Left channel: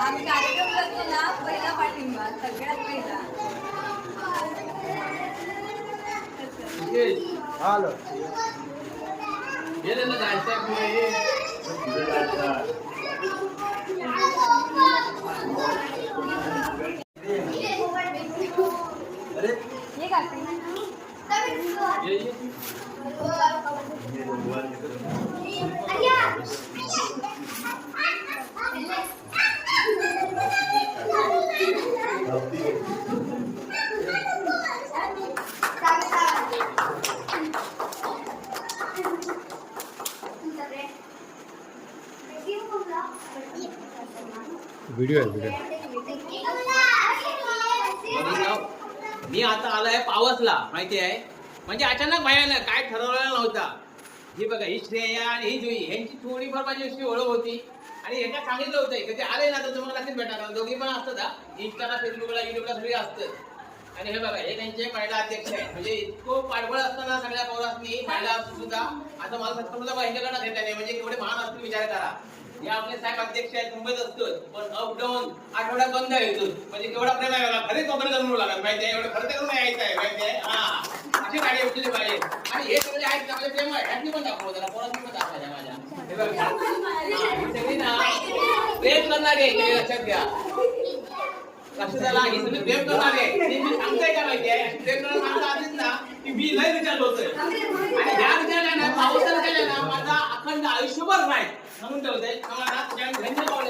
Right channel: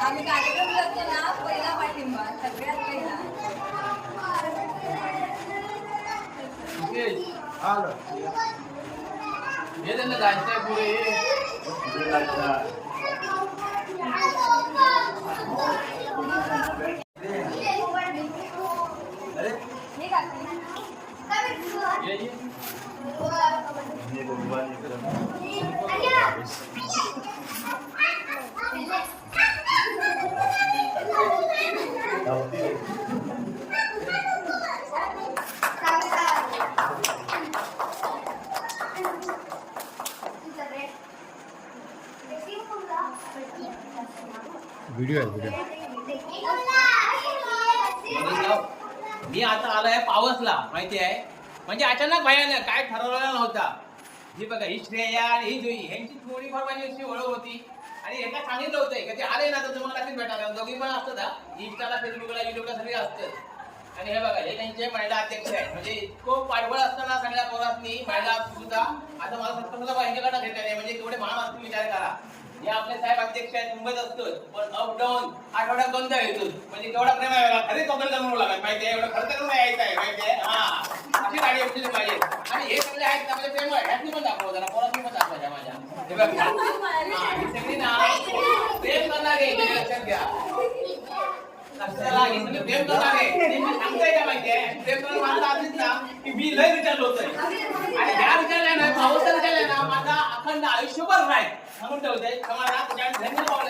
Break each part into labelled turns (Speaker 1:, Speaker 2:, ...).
Speaker 1: आम्ही कार्यक्रम करतो ना पहिला पाठिंबा सगळ्यात पहिला.
Speaker 2: हे त्यांना जायचं आहे पुढे
Speaker 1: हे काय
Speaker 2: ये, ये.
Speaker 3: व्हिडिओ आहे व्हिडिओ
Speaker 2: मी आता आलाय पावसला माहिती आहे? म्हणजे अचानक भयानक काय ठरवलेला नव्हता. ही बघा ही श्रेया आणि ही जुई यांची थोडीफार माझी अशी ओळख होती. आणि यांना सांगितलं होतं की ते आले ना तर तुम्हाला नक्कीच भेटणार दोघी पण असतात हा. इंस्टाला फेसबुकला युट्यूबला सगळी असतं आणि हे बघा हे त्यांचे महिला अध्यक्ष आहेत. म्हणजे इतकं पाठबळ असताना सगळ्या पौरांनी महिला सुद्धा आता मला सत्ता सुद्धा यांच्याकडे घेता नाही म्हणजे केवढे महान असतील विचार करा. हे आपले साहेब अध्यक्ष आहेत मुंबईत असतो. पण अप डाऊन आठवड्यात दोनदा येतो. म्हणजे केवढा प्रेम आहे बघा. खरीच कपडे करून लागत. माहिती आहे एवढं खर्च करून यायचं आहे माहिती आहे? हा. अशी गाडी असलेली पाहिजे. आणि हे सगळे आहेत ना म्हणजे प्रेम आहे. ह्यातली पण दाखव जरा. पोरातली पण दाखवायच्या माझ्या. ना प्रेम करणारे हे लक्षात घ्या. प्रेम आणि सांगतोय का माहितीये प्रेम करणारे आधीच ना की मी लय रिचार्ज होतोय आणि ह्या रिचार्ज ना पावसाला केल्या ना माझा अखंड आयुष्यभर राहील. म्हणून ठेवतोय समाजात त्याच्या धन्य पावले.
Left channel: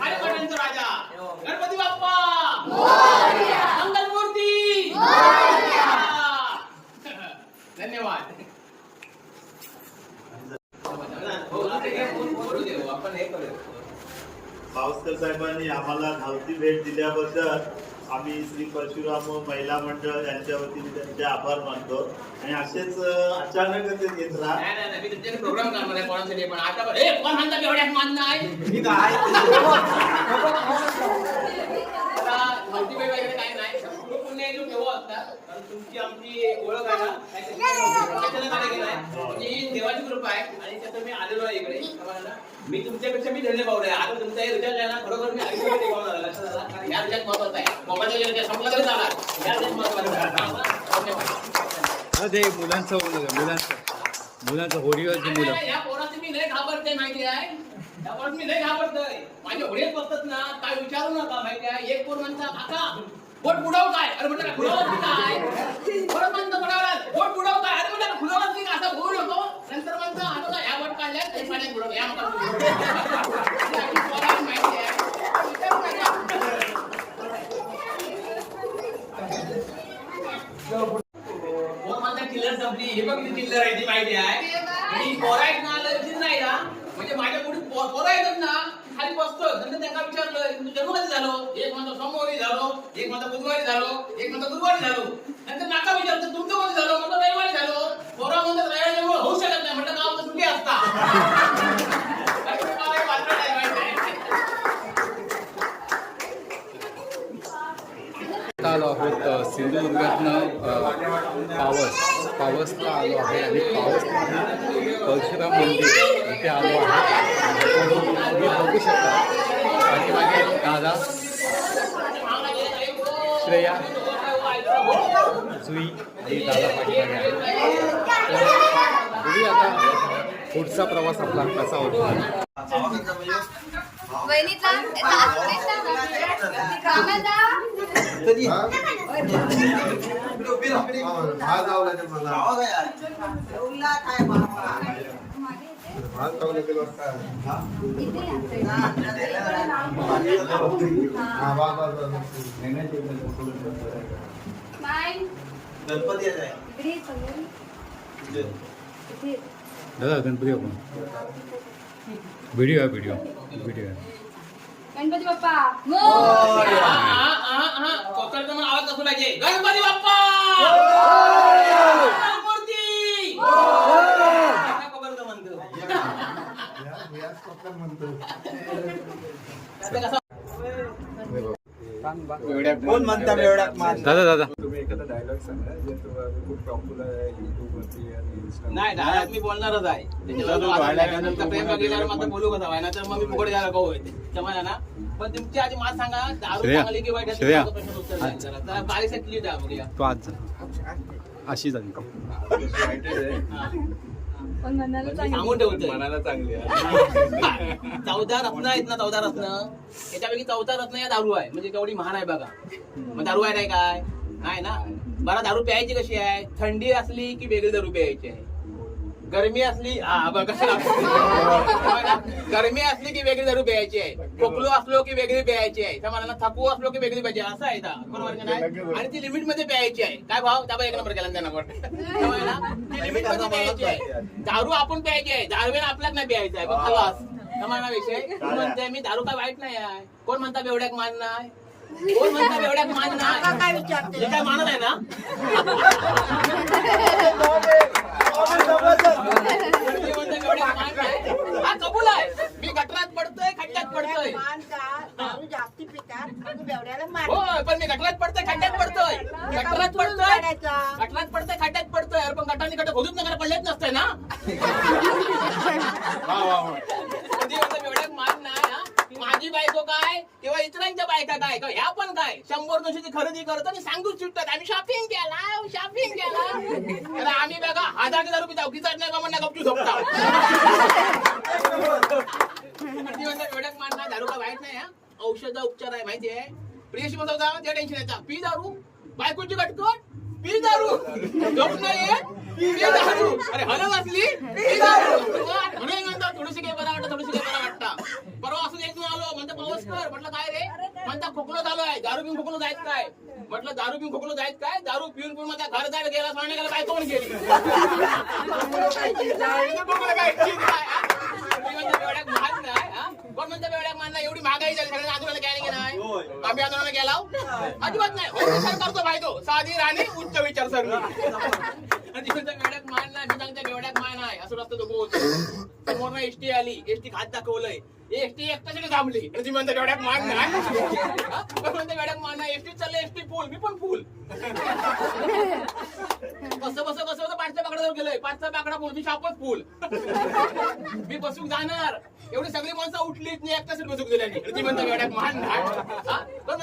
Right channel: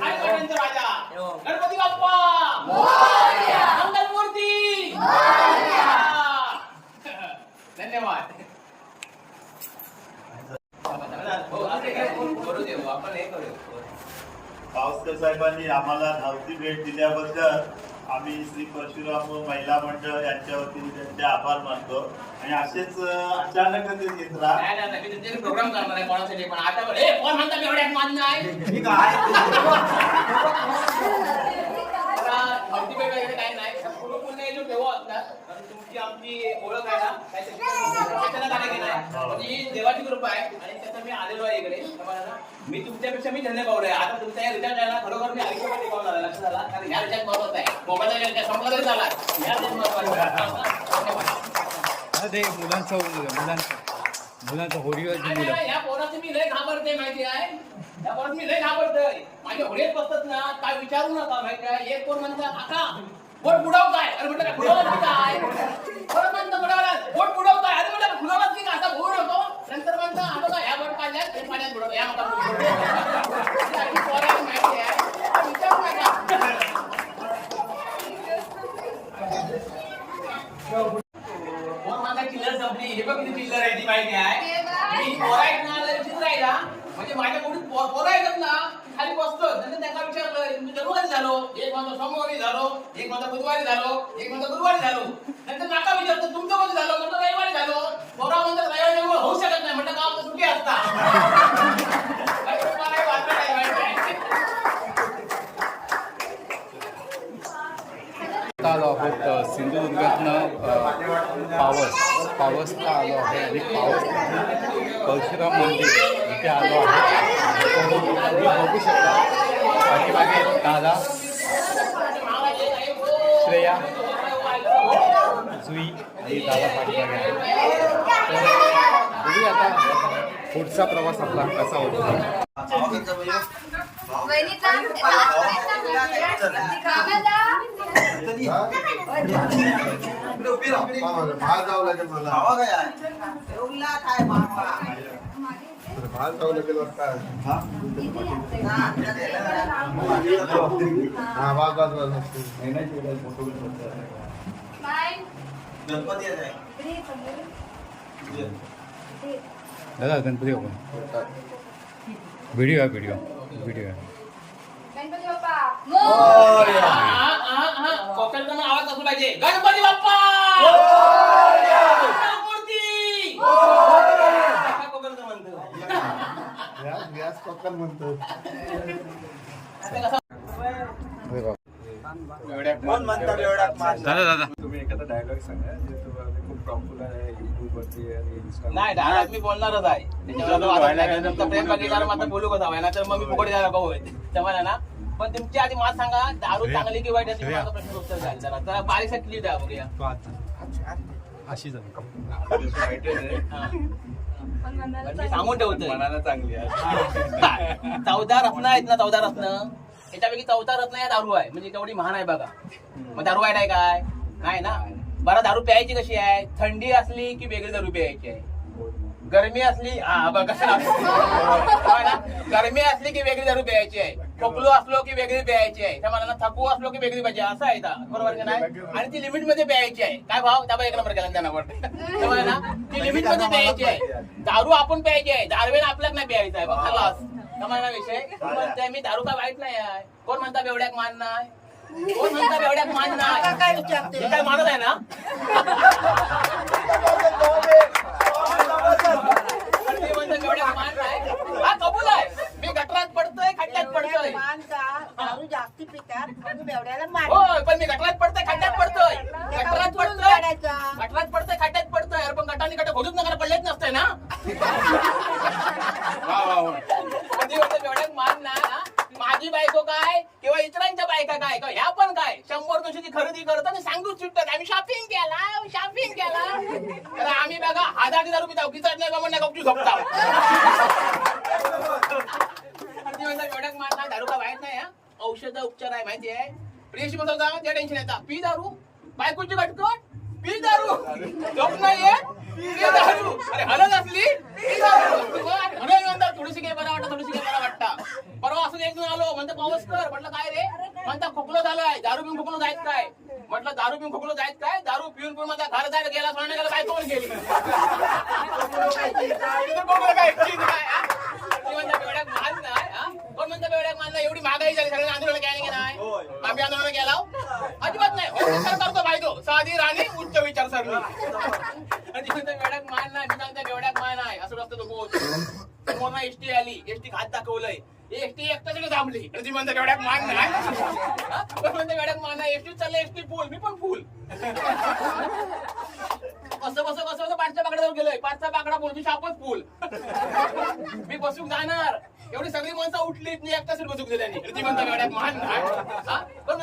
Speaker 2: पाटणचा राजा? गणपती बाप्पा मंगलमूर्ती धन्यवाद हो, असं काय बोल- बोलू दे, आपण हे करू
Speaker 4: पावसकर साहेबांनी आम्हाला धावती भेट दिल्याबद्दल आम्ही श्री परशुराम महिला मंडळ यांच्या वतीने त्यांचे आभार मानतो. आणि असेच अं, अचानकच ते येत राहा.
Speaker 2: नाही नाही नाही, मी तुमच्याकडे प्रोग्राम करणार आहे कोणासाठी पण. आता धावती वगैरे असतात तुमची आमची ओळख आहे ना केलं आहे म्हणजे ही देवाची कृपा आहे. आणि त्याचं मी आलेलो आहे इकडे. मी तुमच्यापेक्षा मी धन्य पावलं आहे. आता तुमचा हे रिचार्ज आहे ना खरोखर मी आयुष्यामध्ये झाला लक्षात आला? कारण ह्या रिचार्ज महत्त्वाचा आहे. मोबाईलचा रिचार्ज संपला तरी चाला ह्या रिचार्ज
Speaker 3: महत्त्वाचा मुलांचं मुलांचं. मुलांचं होडीवरची मुलं.
Speaker 2: या पोरात मी लय घाबरते माहिती आहे? पोरात मी लय घाबरतोय. माझ्या होडीत बसतात ना काय विचारू नका माहिती आहे? एक पोर म्हणता काका बोट बुडव काय अरे म्हटलं काय बुडवलं की काय परत म्हणतं बुडवलं बोट बुडव काय अरे म्हटलं बुडवलं की काय असा बुडू नको नंतर म्हणतं आता काय ह्या बोट काढल्यात हे पाण्यात बुडव या मका पोराला माहिती आहे विचारू नका. कोण म्हणता चिल्लर संपली हे बघ किती चिल्लर आहे ती माहिती आहे आणि ही पोरं आहेत आहे म्हणजे माझ्या पुढे पोरं ना. खाली बसतो नंतर त्यांना विचारलं तुमचं जन्म कधी झालो. एक म्हणतो सोमवारी झालो एक म्हणतो बुधवारी झालो एक म्हणतो गुरुवारी झालो. नंतर नाका विचारतो तुमचं कधी झालो? म्हणतो रविवारी झालो. पोरा म्हणतात रविवारी होऊ शकत नाही. म्हणलं गावात सुट्टी असता अरे मला हे वाचलं नाही माहिती आहे
Speaker 3: आता आलो आहोत सिंधुदुर्गातनं पावस पावसला आलो आहे आणि पावस परशुराम मंदिर इथे आलो आहे. तुम्ही बघू शकता. पाठीमागे दादा श्रेया जुई आणि दादा पाठीमागे आहे. तर बघूया आता पुढचा प्रवास आपला कसा होतो. दादा गणपति वीडियो है वीडियो वीडियो है।
Speaker 1: गणपती बाप्पा.
Speaker 2: हा, हा, हा, हा. कोकणचा मग आवाज असू पाहिजे. गणपती बाप्पा! कोकणचं म्हणतो.
Speaker 3: दादा दादा.
Speaker 5: डायलॉग सांगा जे तुम्हाला खूप पॉप्युलर आहे युट्यूब वरती आणि Insta
Speaker 2: नाही डायरेक्ट मी बोलणारच आहे. त्याच्यावर आता वादच नाही. नंतर प्रेम गेल्यावर मात्र बोलू कसं? व्हायला तर मग मी फुकट जायला भाऊ त्यामुळे ना पण तुमची आधी मला सांगा दारू
Speaker 3: श्रेया,
Speaker 2: चांगली की वाईट आहे ते
Speaker 3: श्रेया.
Speaker 2: माझा प्रश्न उत्तर द्या जरा जरा बारीक क्लिअर द्या बघूया.
Speaker 3: तो आज अशी झाली का
Speaker 5: वाईटच आहे.
Speaker 2: हा.
Speaker 1: पण मनाला
Speaker 2: मी
Speaker 1: चांगलं.
Speaker 2: सांगून ठेवतोय.
Speaker 5: मनाला चांगली आहे.
Speaker 2: चौदा रत्न आहेत ना चौदा रत्न. याच्यापैकी चौदा रत्न या दारू आहे. म्हणजे तेवढी महान आहे बघा. मग दारू आहे नाही काय? नाही ना? बरं दारू प्यायची कशी आहे? थंडी असली की वेगळी दारू प्यायची आहे? गरमी असली गरमी असली की वेगळी दारू प्यायची आहे. खोकलो असलो की वेगळी प्यायची आहे. त्या मला थकू असलो की वेगळी पाहिजे. असं आहे का बरोबर का नाही? आणि ती लिमिटमध्ये प्यायची आहे. काय भाव? त्या एक नंबर केला त्यांना ना? ती लिमिटमध्ये प्यायची आहे. दारू आपण प्यायची आहे. दारवेळ आपल्याला नाही प्यायचा आहे. मग खलास. ना विषय? मी दारू काय वाईट नाही आहे? कोण म्हणता बेवड्याक मान नाही? कोण म्हणता बेवड्याक मान नाही.
Speaker 6: काय विचारते?
Speaker 2: हे काय मानत आहे ना? मी म्हणतो बेवड्याक मान नाही. हा कबूल आहे. मी गटरात पडतोय खड्ड्यात पडतोय.
Speaker 6: मान का? दारू जास्ती पितात म्हणून बेवड्याला मार
Speaker 2: होय पण मी गटरात पडतोय खड्ड्यात पडतोय गटरात पडतोय
Speaker 6: काढायचा
Speaker 2: गटरात पडतोय खड्ड्यात पडतोय अरे पण गटाने गट खोदूच नका पडलेच नसतंय ना कधी होतं एवढ्यात मान नाही हा. माझी बायको काय किंवा इतरांच्या बायका काय किंवा ह्या पण काय शंभर दोनशेची खरेदी करत आणि सांगूच सुटतात आम्ही शॉपिंग केला शॉपिंग केला तर आम्ही बघा हजार हजार रुपये जाऊ किती नाही बाबा ना गपचू झोपता ती म्हणतात एवढ्यात दारू का वाईट नाही औषध उपचार आहे माहिती आहे? प्रियशी बसवता त्या टेन्शन येतात. पी दारू? बायकोची कटकट पी दारू? झोप नाही येत? अरे हलत असली? म्हणून थोडीशी काय बरं वाटतं थोडीशी काय बरं वाटतं. परवा असं एक आलो म्हणतो पाऊस कर. म्हटलं काय रे? म्हणता खोकलो झालोय. दारू पिऊन खोकलो जायत काय? म्हटलं दारू पिऊन खोकलो जायत काय? दारू पिऊन पिऊन माझा घर जायला गेला सांगण्याला काय कोण गेली? काय हा? हा? कोण म्हणतो नाही? एवढी महागाई झाली सगळ्यांना आंदोलन केली की नाही? आम्ही आंदोलन केला अजिबात नाही. हो विचार करतो फायदो साधी राणी उच्च आणि ती म्हणतो बेवड्याक मान नाही बेवड्याक मान आहे असं रस्ता तो समोर एसटी आली एसटी खात दाखवलंय. एसटी एकट्यासाठी थांबली. आणि ती म्हणते बेवड्याक मान नाही. हा? म्हणते बेवड्याक मान नाही. एसटी एसटी फुल. मी पण फुल. कसं कसं कसं पाचच्या बाकड्यावर गेलोय. पाचचा बाकडा बोल. मी शापच फुल. मी बसूक जाणार. एवढी सगळी माणसं उठली मी एकटा सीट बसूक दिल्यानी आणि ती म्हणता बेवड्याक मान नाही हा? कोण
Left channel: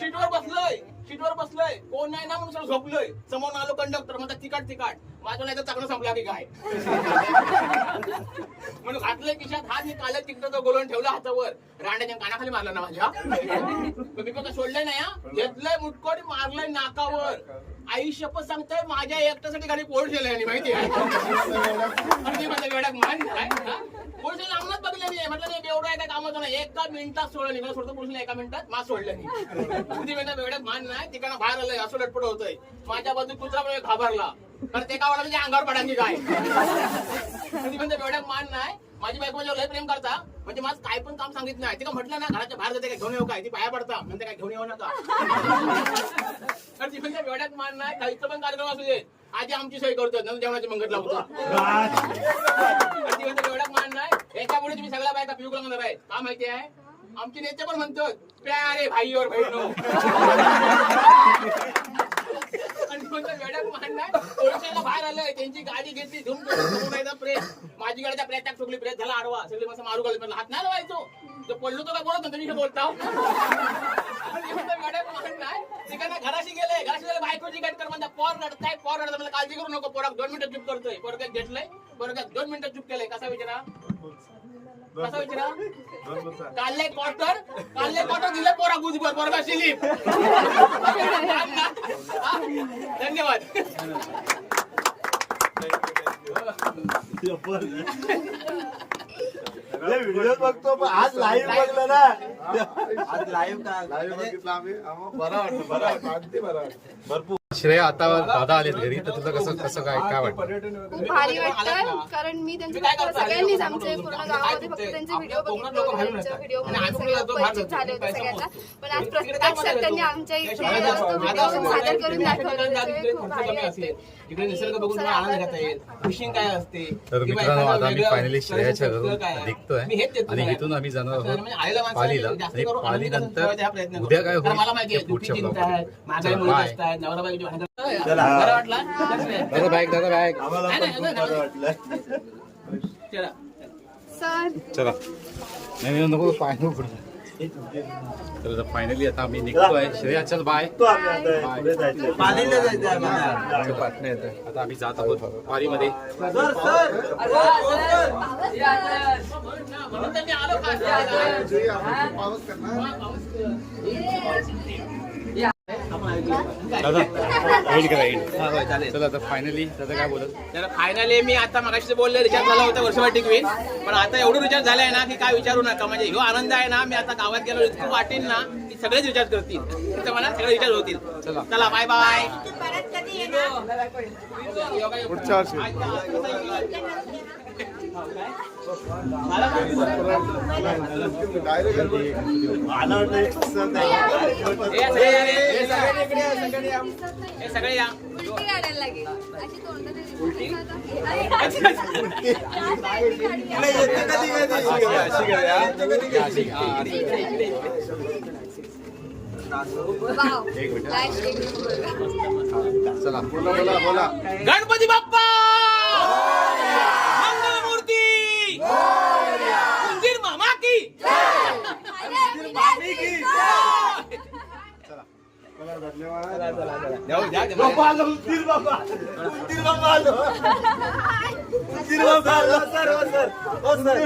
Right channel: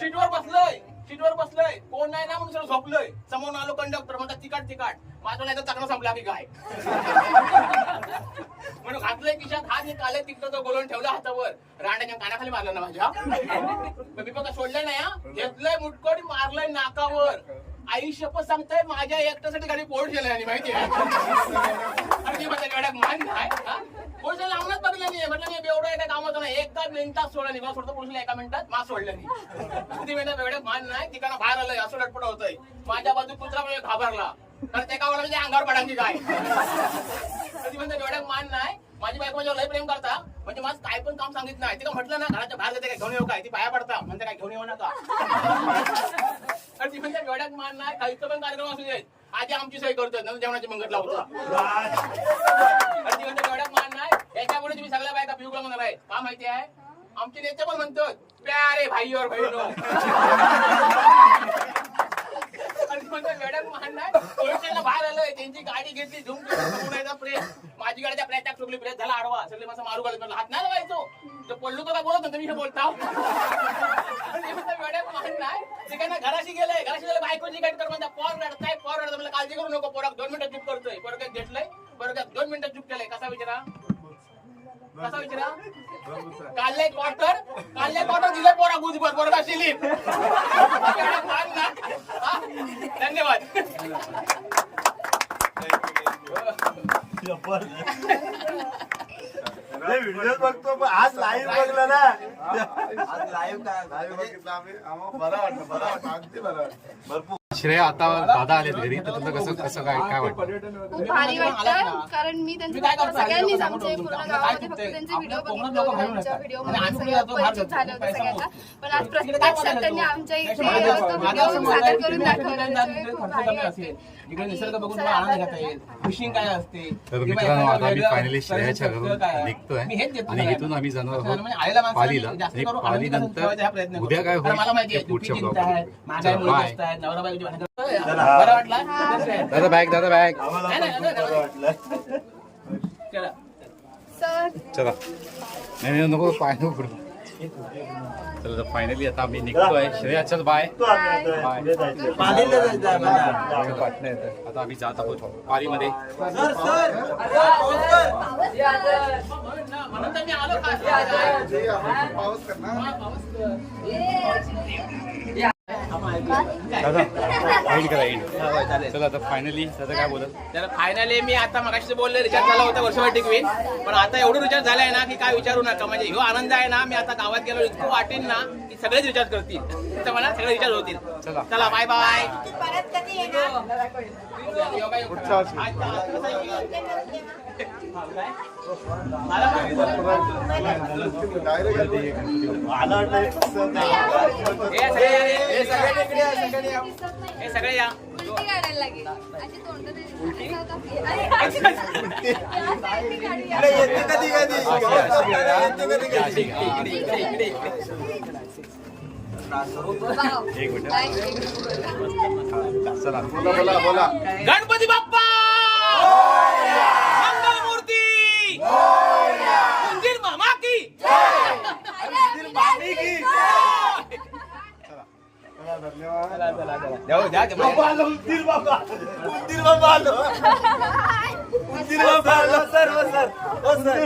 Speaker 2: सीटवर बसलोय. सीटवर बसलोय. कोण नाही ना म्हणून सगळं झोपलोय. समोर आलो कंडक्टर म्हणतात तिकट तिकट. माझं नाही तर तक्रार संपला की काय? म्हणून घातलंय खिशात हात मी काले तिकटाचं बोलून ठेवलं हातावर. रांड्याच्या कानाखाली मारलं ना माझ्या. मी पण सोडलं नाही हा घेतलंय मुटकोट मारलंय नाकावर. आई शपथ सांगताय माझ्या एकट्यासाठी गाडी पोट गेल्या माहिती आहे? मान नाही हा? पोलिसाला बघितलं नाही म्हटलं नाही एवढं एका कामात नाही एका मिनिटात सोडलं नाही. मला सोडतो पोलिसला एका मिनिटात मा सोडलं नाही. ती म्हणते मान नाही तिकडनं बाहेर आलं असं लटपट होतंय. माझ्या बाजू कुत्रा म्हणजे घाबरला. तर ते काय वाटलं म्हणजे अंगावर पडायची काय? कधी म्हणते बेवड्यात मान नाही. माझी बायको म्हणजे लय प्रेम करता. म्हणजे माझं काय पण काम सांगितलं नाही. तिला म्हटलं ना घराच्या बाहेर जाते काय घेऊन येऊ काय? ती पाया पडता. म्हणते काय घेऊन येऊ नका. आणि ती म्हणते वेड्यात मान नाही. खायचं पण कार्यक्रम असू दे. आधी आमची सोय करतो नंतर जेवणाची मंगत लावतो. आणि ती म्हणते त्याच्यामुळे तुम्ही सगळ्या बायका पिऊ म्हणणार आहे का माहिती आहे? आमचे नेते पण म्हणतो प्यारे भाई और बहिणो बाहेर आलंय त्यांची गाडी घेतली झुम समोर प्रेस माझी गाडीचा प्रेस प्रेताक ठोकली प्रेस झाला आडवा. सगळे माणसं मारू घालत हात नाही लावायचो. तर पडलो तो काय बोलत नाही तुम्ही बोलता? मॅडम मान नाही तिकडनं घराशी गेलंय घराशी गेलं बायकोची गाडी कर म्हणता पोर रडताय पोर रडत मला काळजी करू नको पोराक दोन मिनिटं चूप करतोय पोरग घेतलंय पोरग दोन मिनिटं चूप केलंय कसा विचारा? कसा विचारा काढले क्वार्टर काढले क्वार्टर दिले पोरा धन्यवाद.
Speaker 4: व्हिडिओ बघतो पण आज लाईव्ह बघलं ना. भरपूर.
Speaker 3: श्रेया आता दादा आलेत घरी तर तुला कसं कसं काय काय वाटतं
Speaker 5: पर्यटन वगैरे
Speaker 1: खूप भारी वाटतं कारण मी त्यांचे फक्त
Speaker 2: करता?
Speaker 1: सगळ्यांनीच आमचे पूर्ण गावामध्ये फक्त? त्यांचे व्हिडिओ बघितले त्यांच्या. व्हिडिओ परिचित झाले होते सगळ्यांना. पण आज त्यांनी. आमच्या इथे तो व्हिडिओ सादर करून दाखवला त्याच्यामुळे खूप भारी
Speaker 2: इकडे निसर्ग बघून तुम्हाला आनंद घेता येईल. फिशिंग काय असते?
Speaker 3: तर
Speaker 2: किंवा
Speaker 3: मित्रांनो
Speaker 2: एखादं
Speaker 3: आता आम्ही
Speaker 2: वेगळं
Speaker 3: फायनली श्रेयाच्या घरून
Speaker 2: आहे?
Speaker 3: निघतोय.
Speaker 2: मी हेच देतो
Speaker 3: आणि. इथून आम्ही जाणार
Speaker 2: म्हणजे
Speaker 3: आहोत
Speaker 2: आलेल्या माणसाला
Speaker 3: पालीला.
Speaker 2: जास्त
Speaker 3: आणि
Speaker 2: करून आनंदी करून
Speaker 3: पालीनंतर
Speaker 2: ठेवायचा हा प्रयत्न करतो.
Speaker 3: उद्या काय
Speaker 2: कारण
Speaker 3: होईल
Speaker 2: मला माहिती आहे
Speaker 3: ते पुढच्या
Speaker 2: दुपटी
Speaker 3: ब्लॉग
Speaker 2: आहेत मागाय मुली
Speaker 3: बाय
Speaker 2: जास्त आहेत नवरा बायकोची भांडणं. बरं वाटला?
Speaker 3: दादा बॅग दादा बॅग
Speaker 2: नाही, नाही, नाही, चला.
Speaker 3: चला. नाही नाही, नको पाय नको पडू. तर फायनली आता आम्ही निघतोय. श्रेया चल बाय
Speaker 4: तो आम्ही आता. पुढे जायचं.
Speaker 3: आता आम्ही जात आहोत
Speaker 2: मी आलो खास.
Speaker 3: दादा एंड करा एंड चला आता फायनली दादा काय बोलत?
Speaker 2: तर फायनली मी आता मगाशी बोलले रिचार्ज झाला होता वर्षभर टिकवीन पण आता एवढं रिचार्ज झालाय ना की काय विचारू नका. म्हणजे ह्यो आनंद आहे ना मी आता गावात गेलो इतकं वाटेन ना की सगळेच रिचार्ज करतील. तर मला सगळे रिचार्ज होतील.
Speaker 3: चला.
Speaker 2: चला बाय बाय
Speaker 6: तू परत कधी येणार
Speaker 2: मला काय?
Speaker 4: मला वाटतं
Speaker 2: हे सगळे या रे. हे सगळे- हे सगळे या
Speaker 1: उलटी
Speaker 3: एक मिनिट. चला बोला बोला बोला.
Speaker 2: गणपती बाप्पा! मंगल मूर्ती उंदीर मामा की जाऊ द्या, द्या.
Speaker 4: बाबा आलो, उंदीर बाबा उंदीर बाबा आलो उंदीर बाबा आलो सर. सर. सर